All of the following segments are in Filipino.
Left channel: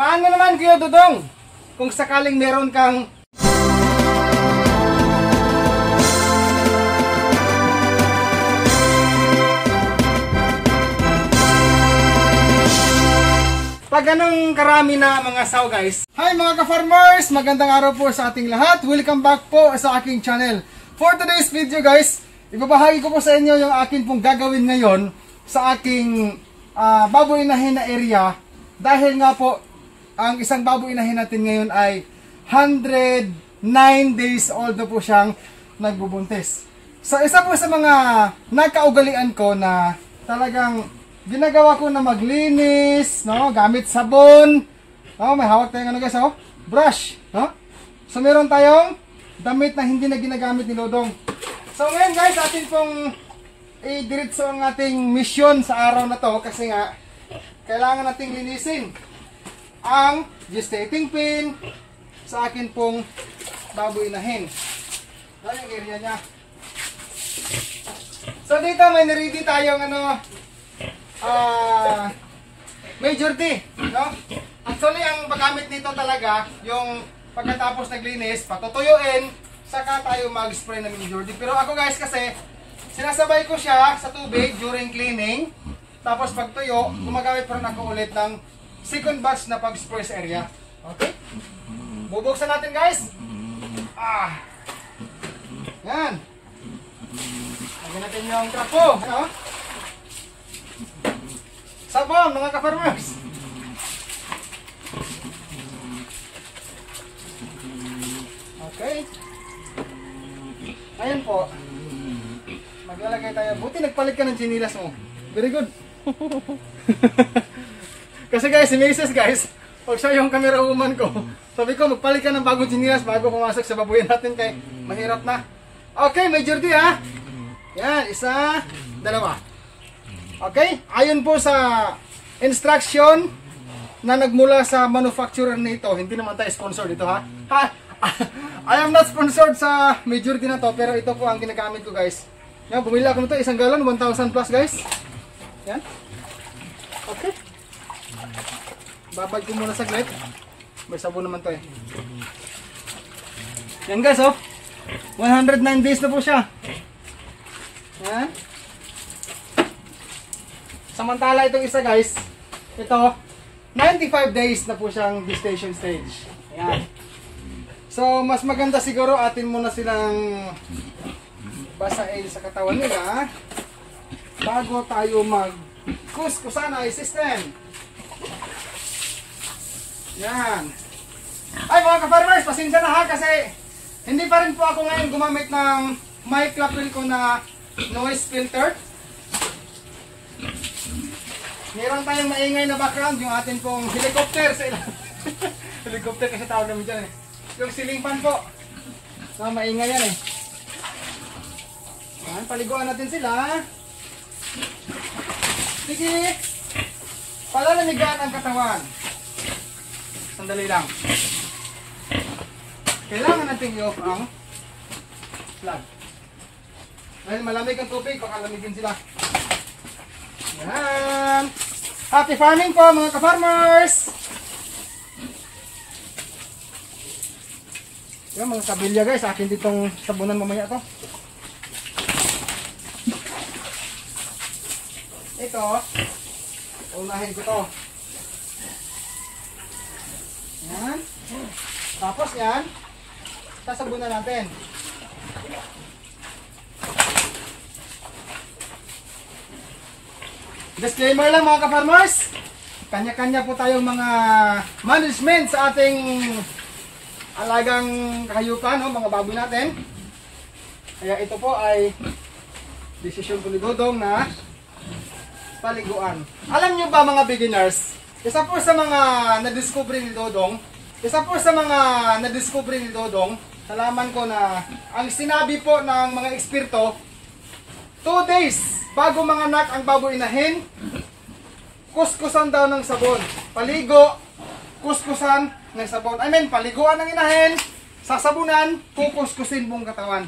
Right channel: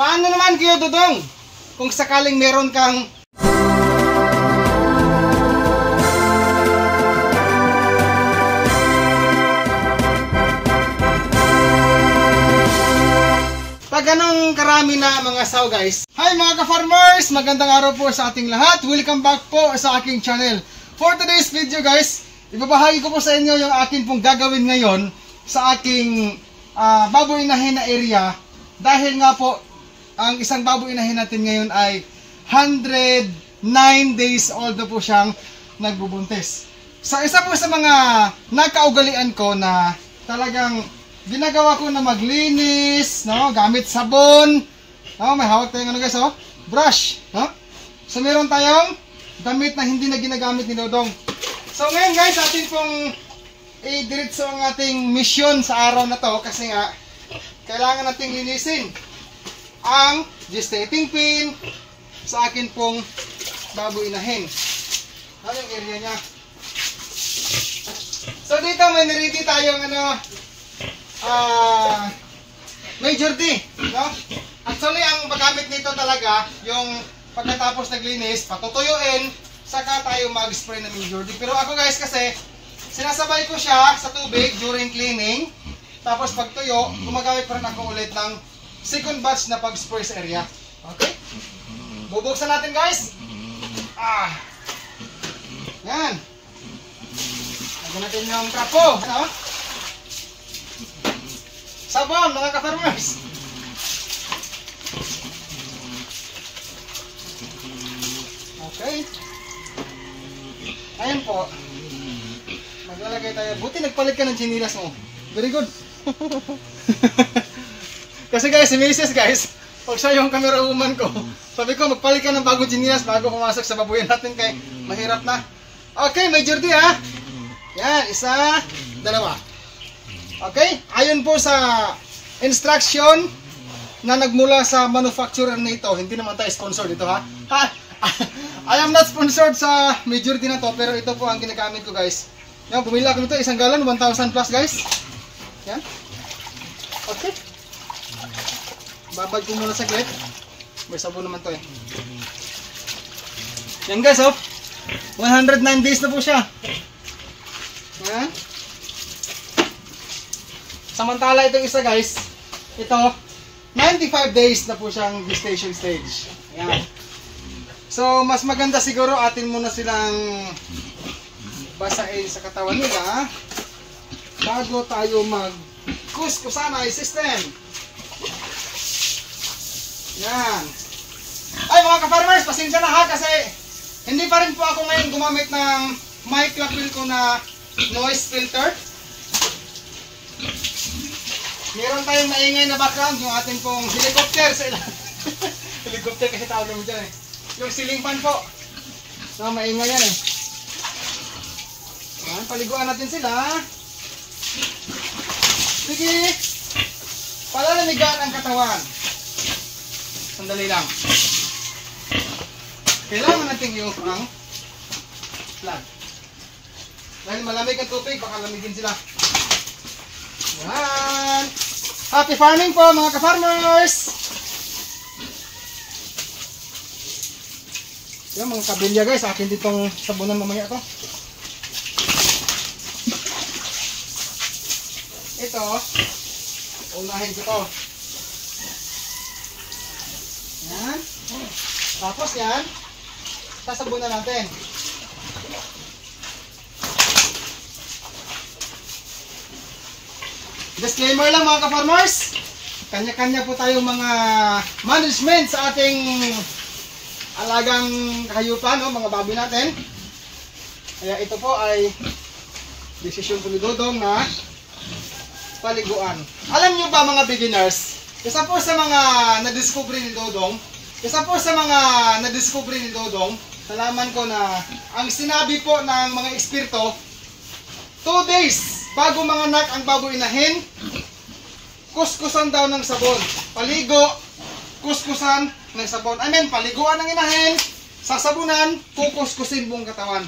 Paano naman Kuya Dudong? Kung sakaling meron kang ganong karami na mga saw guys. Hi mga ka-farmers! Magandang araw po sa ating lahat. Welcome back po sa aking channel. For today's video guys, ibabahagi ko po sa inyo yung akin pong gagawin ngayon sa aking baboy inahin na area. Dahil nga po, ang isang baboy inahin natin ngayon ay 109 days old na po siyang nagbubuntis. So isa po sa mga nakaugalian ko na talagang ginagawa ko na maglinis, no, gamit sabon. No, may hawak tayong ano guys, oh, brush, no? So meron tayong damit na hindi na ginagamit ni Dodong. So ngayon guys, atin pong i-diretso ang ating mission sa araw na to kasi nga kailangan nating linisin ang gestating pin sa akin pong baboy inahin. Ano yung area niya? So dito may na-ready tayong ano, Major D, no? Actually, ang paggamit nito talaga, yung pagkatapos naglinis, patutuyuin, saka tayo mag-spray ng Major D. Pero ako guys kasi, sinasabay ko siya sa tubig during cleaning, tapos pagtuyo, gumagamit pa rin ako ulit ng second batch na pag-spray sa area. Okay? Bubuksan natin guys. Yan. Lagyan natin yung trapo, ano? Sabon mga ka-farmers. Okay. Ayan po. Maglalagay tayo. Buti nagpalit ka ng chinilas mo. Very good. Kasi guys, si Mrs. guys, pag siya yung camera woman ko, sabi ko magpalit ka ng bagong chinilas bago pumasok sa babuyan natin kay mahirap na. Okay, Major D ha. Yan, isa, dalawa. Okay, ayon po sa instruction na nagmula sa manufacturer nito, hindi naman tayo sponsor dito ha. I am not sponsored sa Major D na to, pero ito po ang ginagamit ko guys. Yan, bumili ako nito, isang galon, 1,000 plus guys. Yan. Okay. Babad ko muna saglit. May sabon naman to eh. Yan guys oh. 109 days na po siya. Yan. Samantala itong isa guys, ito 95 days na po siyang gestation stage. Ayan. So mas maganda siguro atin muna silang basahin sa katawan nila bago tayo mag-kuskusanay system. Yan. Ay mga ka-farmers, pasensya na ha kasi hindi pa rin po ako ngayon gumamit ng mic lapel ko na noise filter. Meron tayong maingay na background, yung atin pong helicopter sa ilan. Helicopter kasi tawag namin dyan eh. Yung ceiling fan po. Na maingay yan eh. Yan, paliguan natin sila. Sige. Palalamigan ang katawan. Sandali lang. Kailangan natin i-off ang plug. Dahil malamig ang tubig, baka lamigin sila. Yan. Happy farming po mga ka-farmers. Yan mga kabilya guys, akin ditong sabunan mamaya to. Ito, unahin ko to. Yan. Tapos yan, sasabunan natin. Disclaimer lang mga ka-farmers, kanya-kanya po tayong mga management sa ating alagang kahayupan, no, mga baboy natin. Kaya ito po ay desisyon ko ni Dodong na paliguan. Alam nyo ba mga beginners, isa po sa mga na-discovery ni Dodong, nalaman ko na ang sinabi po ng mga eksperto, 2 days bago manganak ang baboy inahin, kuskusan daw ng sabon. Paligo, kuskusan ng sabon. I mean, paliguan ng inahin, sasabunan, kukuskusin buong katawan.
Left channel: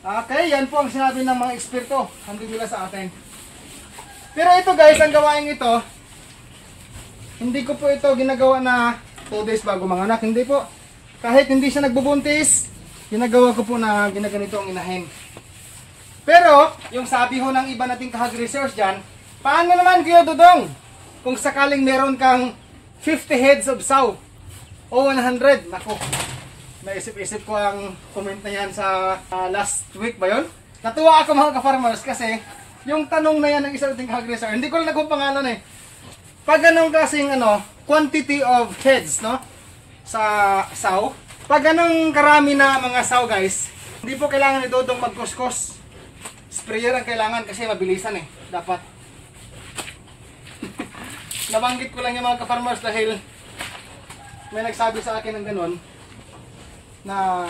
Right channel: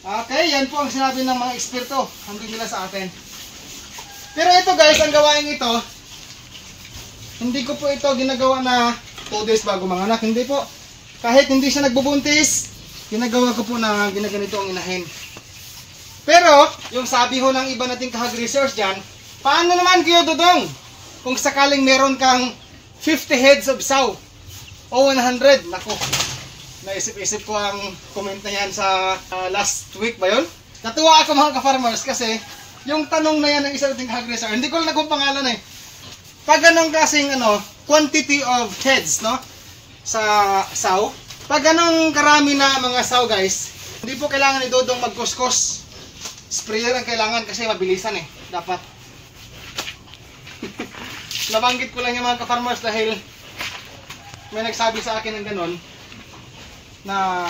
Okay, yan po ang sinabi ng mga eksperto. Hambing nila sa atin. Pero ito guys, ang gawain ito, hindi ko po ito ginagawa na 2 days bago manganak. Hindi po. Kahit hindi siya nagbubuntis, ginagawa ko po na ginaganito ang inahin. Pero, yung sabi ho ng iba nating kahag research dyan, paano naman Kuya Dudong? Kung sakaling meron kang 50 heads of sow o 100, nako, naisip-isip ko ang comment na yan sa last week ba yun? Natuwa ako mga ka-farmers kasi yung tanong na yan ng isa nating kahag research, hindi ko lang nagong pangalan eh. Pag ganong klaseng quantity of heads, no? Sa sow. Pag ganong karami na mga sow guys, hindi po kailangan ni Dodong magkuskos. Sprayer ang kailangan kasi mabilisan eh. Dapat. Nabanggit ko lang yung mga ka-farmers dahil may nagsabi sa akin ng ganon na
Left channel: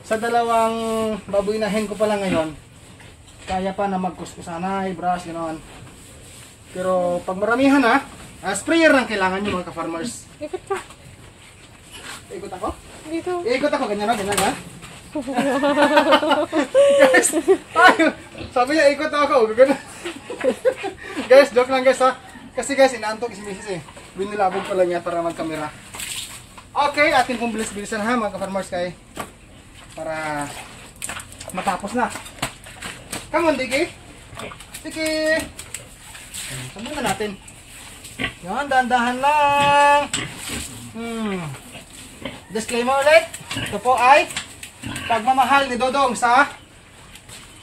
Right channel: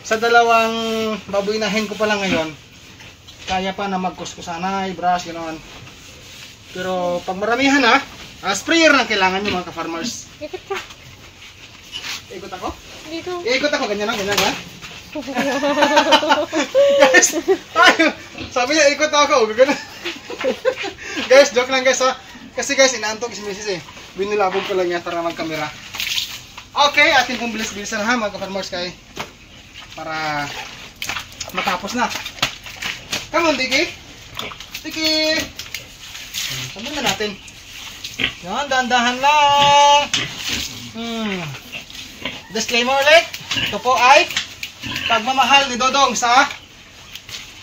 sa dalawang babuinahin ko pa lang ngayon, kaya pa na magkuskusanay, brush, gano'n. Pero pag maramihan na, sprayer lang kailangan nyo mga ka-farmers. Ikot ka. Ikot ako? Dito. Ikot ako, ganyan na, ganyan ba? Guys, sabi niya ikot ako, gano'n. Guys, joke lang guys ha. Kasi guys, inaantok si Mrs. eh. Binilabog ko lang niya para mag-camera. Okay, atin pong bilis-bilisan ha mga ka-farmers kay para matapos na. Come on, Diki. Diki. Sabi na natin. Yan, dahan-dahan lang. Disclaimer ulit. Ito po ay pagmamahal ni Dodong sa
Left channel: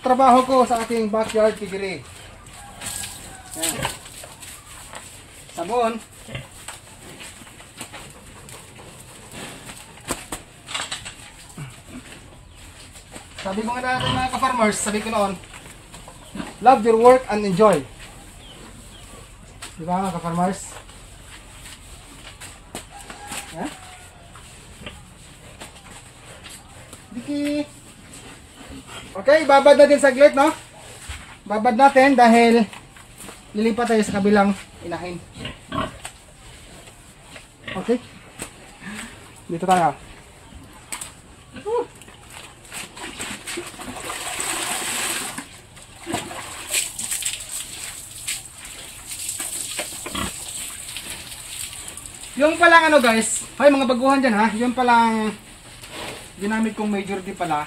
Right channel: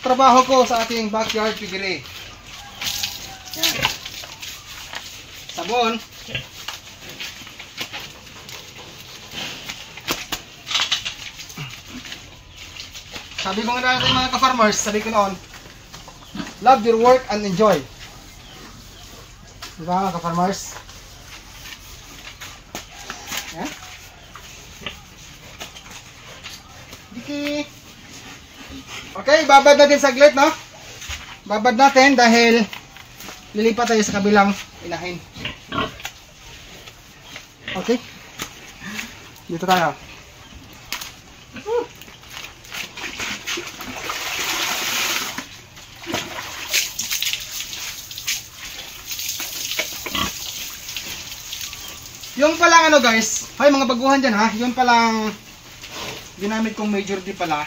trabaho ko sa ating backyard piggery. Yan. Sabon. Sabi ko nga natin mga ka-farmers, sabi ko noon, love your work and enjoy. Diba mga ka-farmers? Yan. Diki. Okay, babad natin saglit, no? Babad natin dahil lilipat tayo sa kabilang inahin. Okay? Dito tayo. Yung palang guys, ay mga baguhan dyan ha, yung palang ginamit kong major D pala,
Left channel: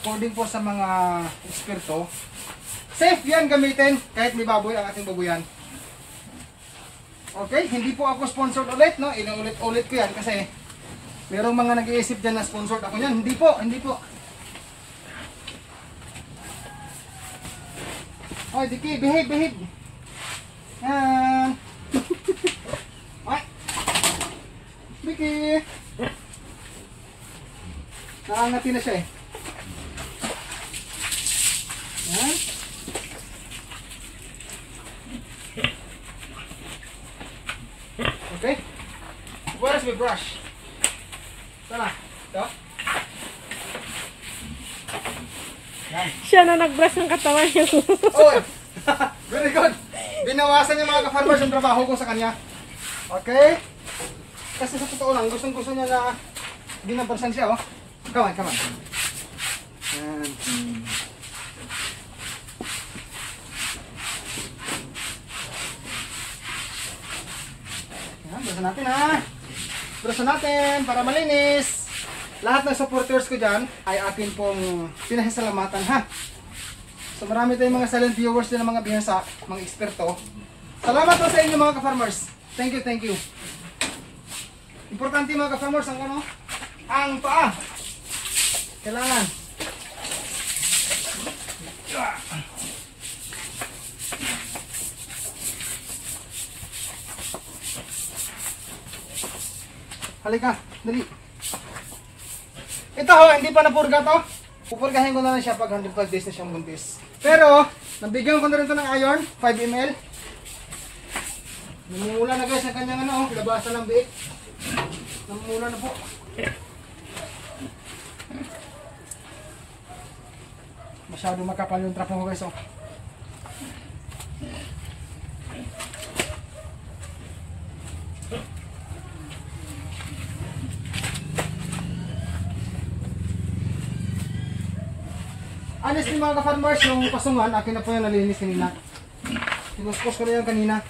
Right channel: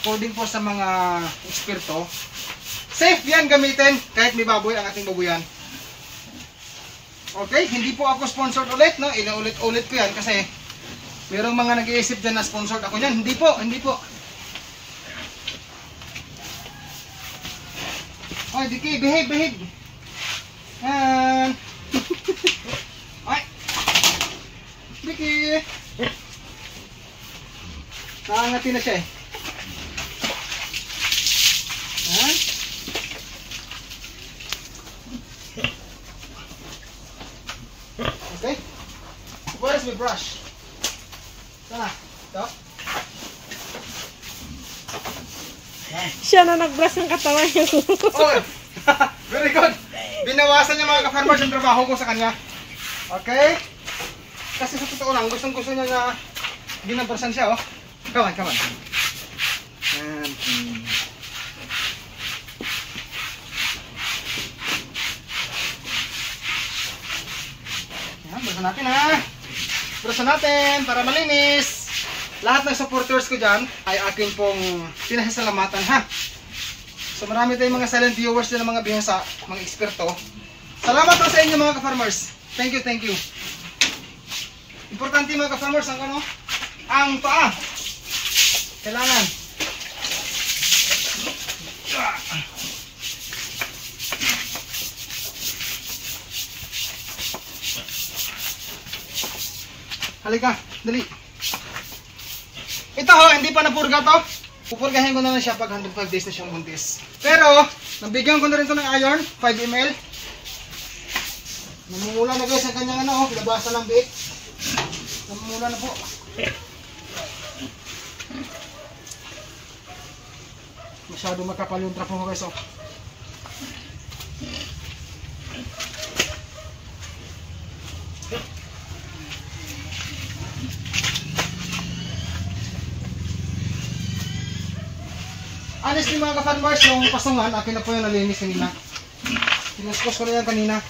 according po sa mga eksperto, safe yan gamitin kahit may baboy ang ating babuyan. Okay, hindi po ako sponsored ulit, no? Inuulit-ulit ko yan kasi merong mga nag-iisip dyan na sponsored ako yan. Hindi po, hindi po. Oh, Diki, behave. Yan. Ay. Diki. Nakangati na siya eh. Yan. Okay. Where's my brush? Sana. Ito. Yan. Siya na nag-brush ng katawan niya. Oh, very good. Binawasan niya mga ka-farmers yung trabaho ko sa kanya. Okay? Kasi sa totoo lang, gustong-gusto niya na binabrasan siya, oh. Come on. Yan. Yan, brasan natin ha. Brasan natin para malinis. Lahat ng supporters ko dyan ay akin pong pinasasalamatan ha. So marami tayong mga silent viewers din ng mga bihasa, mga eksperto. Salamat po sa inyo mga ka-farmers. Thank you. Importante mga ka-farmers ang ang paa. Kailangan. Halika, dali. Ito hindi pa napurga to. Pupurgahin ko na lang siya pag 105 days na siyang buntis. Pero, nabigyan ko na rin to ng iron, 5 ml. Namumula na guys ang kanyang labasan ng biik. Namumula na po. Masyado makapal yung trapo ko guys oh. Honestly mga ka-farmers, yung pasungan, akin na po yung nalinis kanina. Pinuskos ko na yan kanina.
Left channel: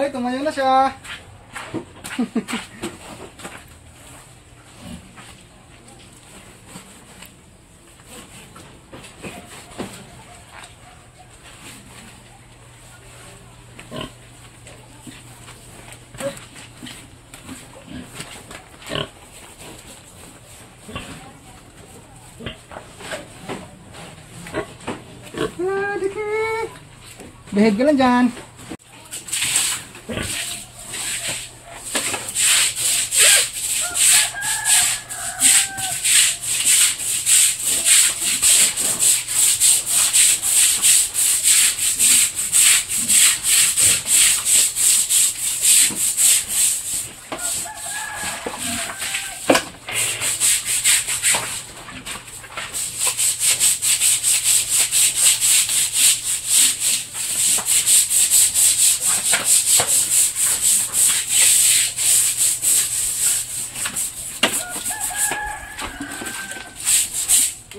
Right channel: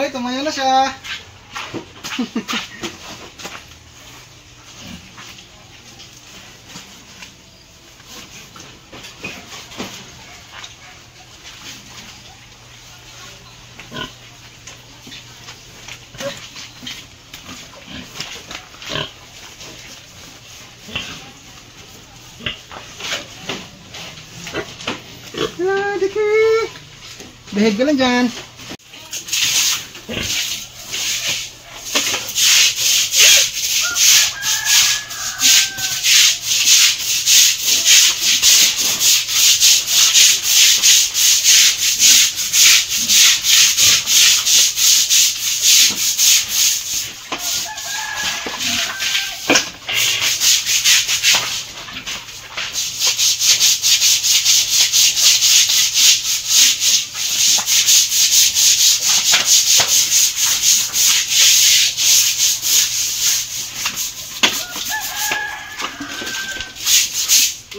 Hoy, tumayo na siya. Behave ka lang dyan.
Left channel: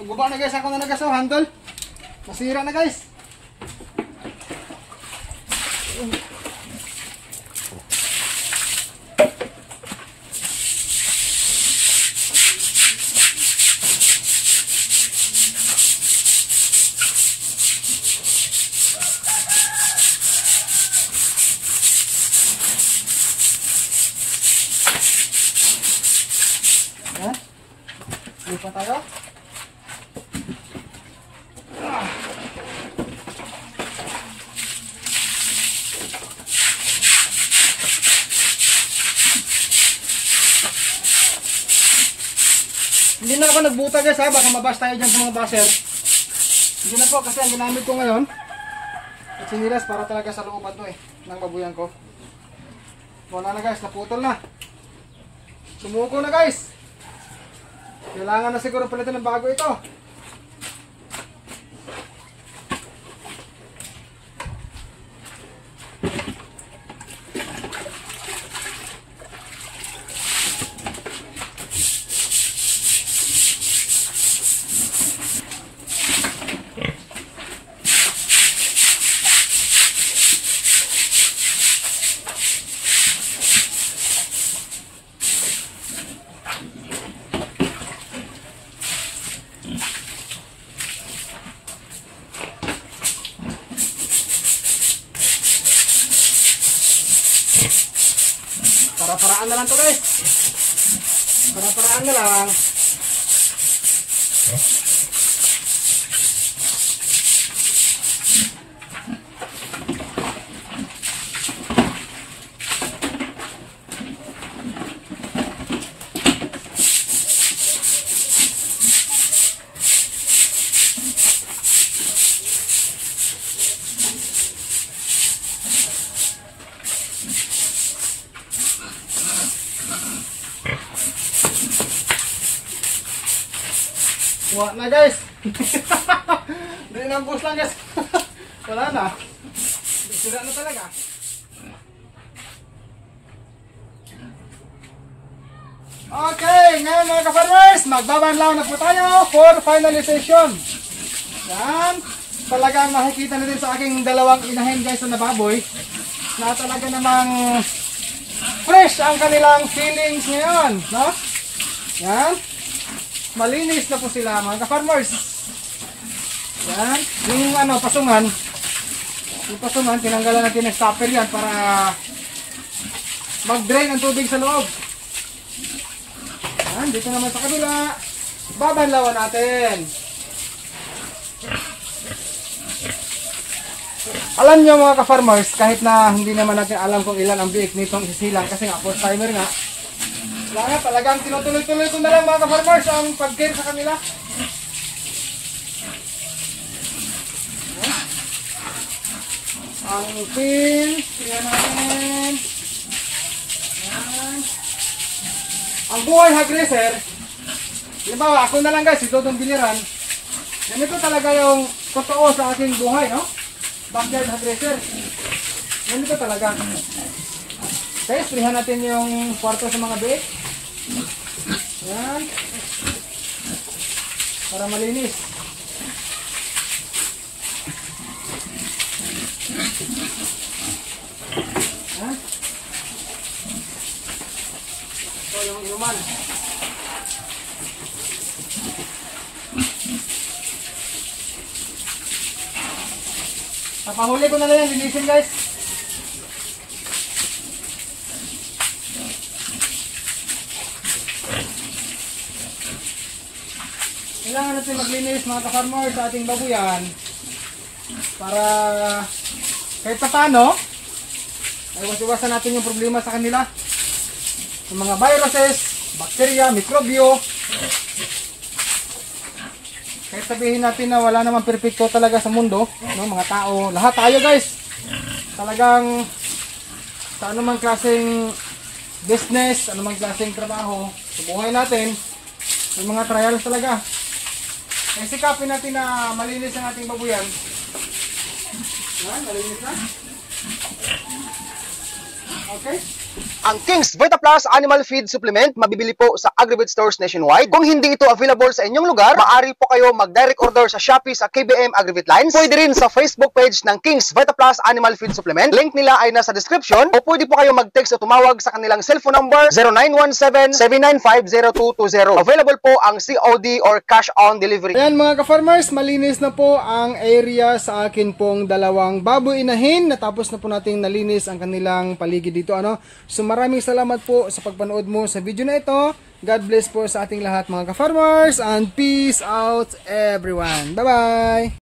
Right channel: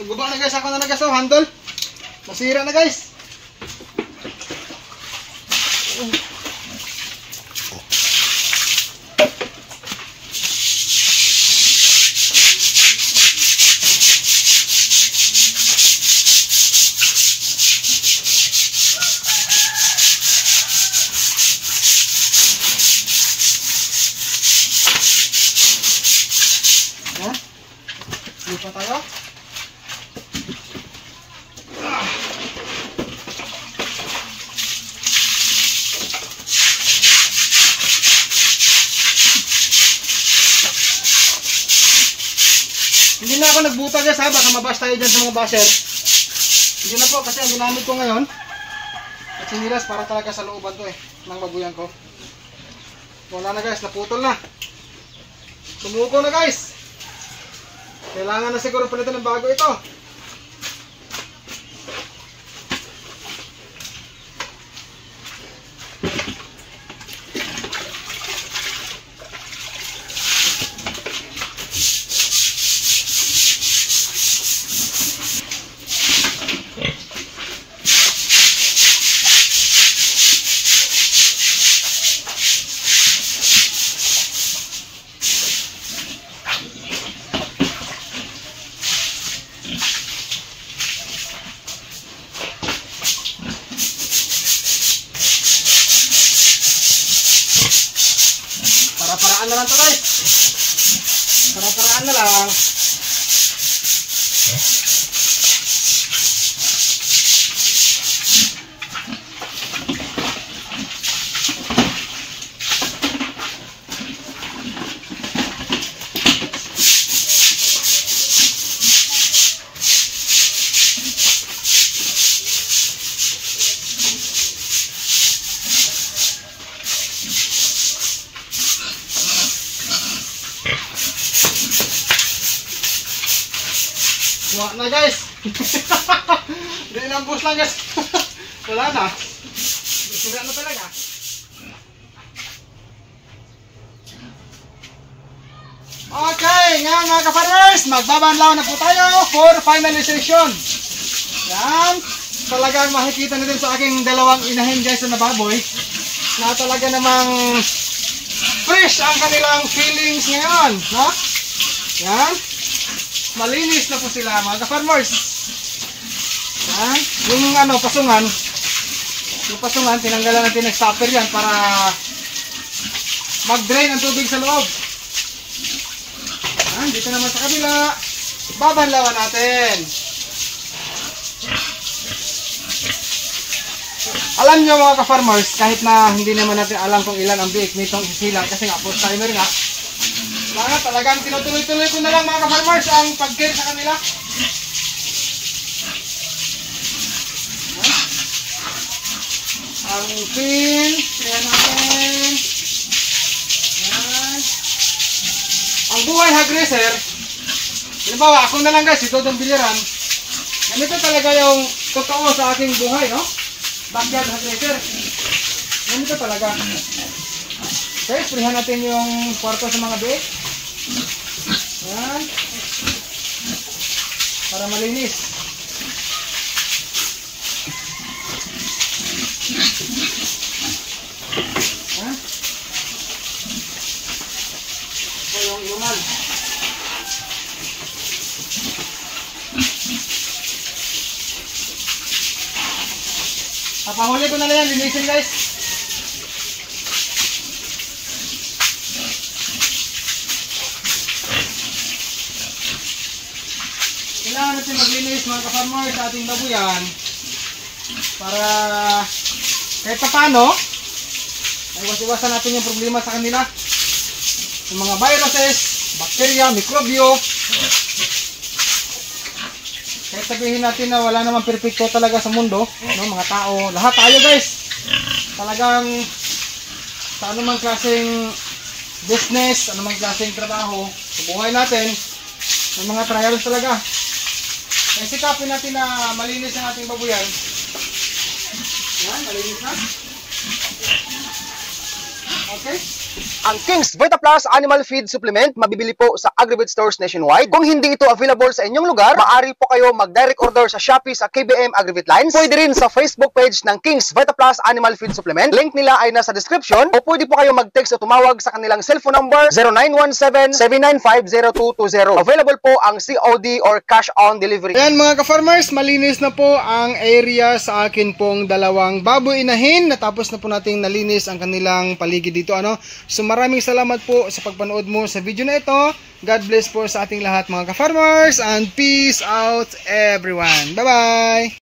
Nagbaba na guys, ako na guys, oh, handle. Masira na guys. Lupa tayo. Hindi na ako nagbuta guys ha, baka mabash tayo dyan sa mga basher. Hindi na po kasi ang ginamit ko ngayon at sinilas para talaga sa looban to ng babuyan ko. Wala na guys, naputol na. Tumuko na guys. Kailangan na siguro palitan ng bago ito. Para-paraan na lang to guys. Para-paraan na lang. Wala na guys. Hindi nang bus lang guys. Wala na. Sira na talaga. Okay, ngayon mga ka-farmers, magbabanlaw na po tayo for finalization. Yan. Talagang makikita na din sa aking dalawang inahin guys na baboy na talaga namang fresh ang kanilang feelings ngayon. No? Yan. Malinis na po sila mga ka-farmers. Yan. Yung pasungan. Yung pasungan, tinanggalan natin ng stopper yan para mag-drain ang tubig sa loob. Yan. Dito naman sa kabila, babanlawan natin. Alam nyo mga ka-farmers, kahit na hindi naman natin alam kung ilan ang biik nitong isilang kasi nga post timer nga. Kaya talagang tinutuloy-tuloy ko na lang mga ka-farmers ang pag-care sa kanila. Ang pin, kaya natin. Yan. Ang buhay hagreser, halimbawa ako na lang guys, ito itong biliran. Ganito talaga yung totoo sa aking buhay, no? Backyard hagreser. Ganito talaga. Okay, sprayan natin yung kwarto sa mga biik. Yan. Para malinis. Yan. Kapahuli ko na lang yan, linisin guys. Kailangan natin maglinis mga ka-farmer sa ating babuyan para kahit pa paano ay iwas-iwasan natin yung problema sa kanila, yung mga viruses, bacteria, mikrobyo. Kahit sabihin natin na wala namang perfecto talaga sa mundo, no, mga tao, lahat tayo guys, talagang sa anumang klaseng business, anumang klaseng trabaho sa buhay natin, may mga trials talaga. Kaya sikapin natin na malinis ang ating babuyan. Yan, malinis na. Okay. Ang King's Vita Plus Animal Feed Supplement mabibili po sa Agri-Vet stores nationwide. Kung hindi ito available sa inyong lugar, maaari po kayo mag-direct order sa Shopee sa KBM Agri-Vet Lines. Pwede rin sa Facebook page ng King's Vita Plus Animal Feed Supplement. Link nila ay nasa description. O pwede po kayo mag-text o tumawag sa kanilang cellphone number 0917-795-0220. Available po ang COD or cash on delivery. Ayan mga ka-farmers, malinis na po ang area sa akin pong dalawang baboy inahin. Natapos na po nating nalinis ang kanilang paligid dito. So maraming salamat po sa pagpanood mo sa video na ito. God bless po sa ating lahat mga ka-farmers and peace out everyone. Bye-bye!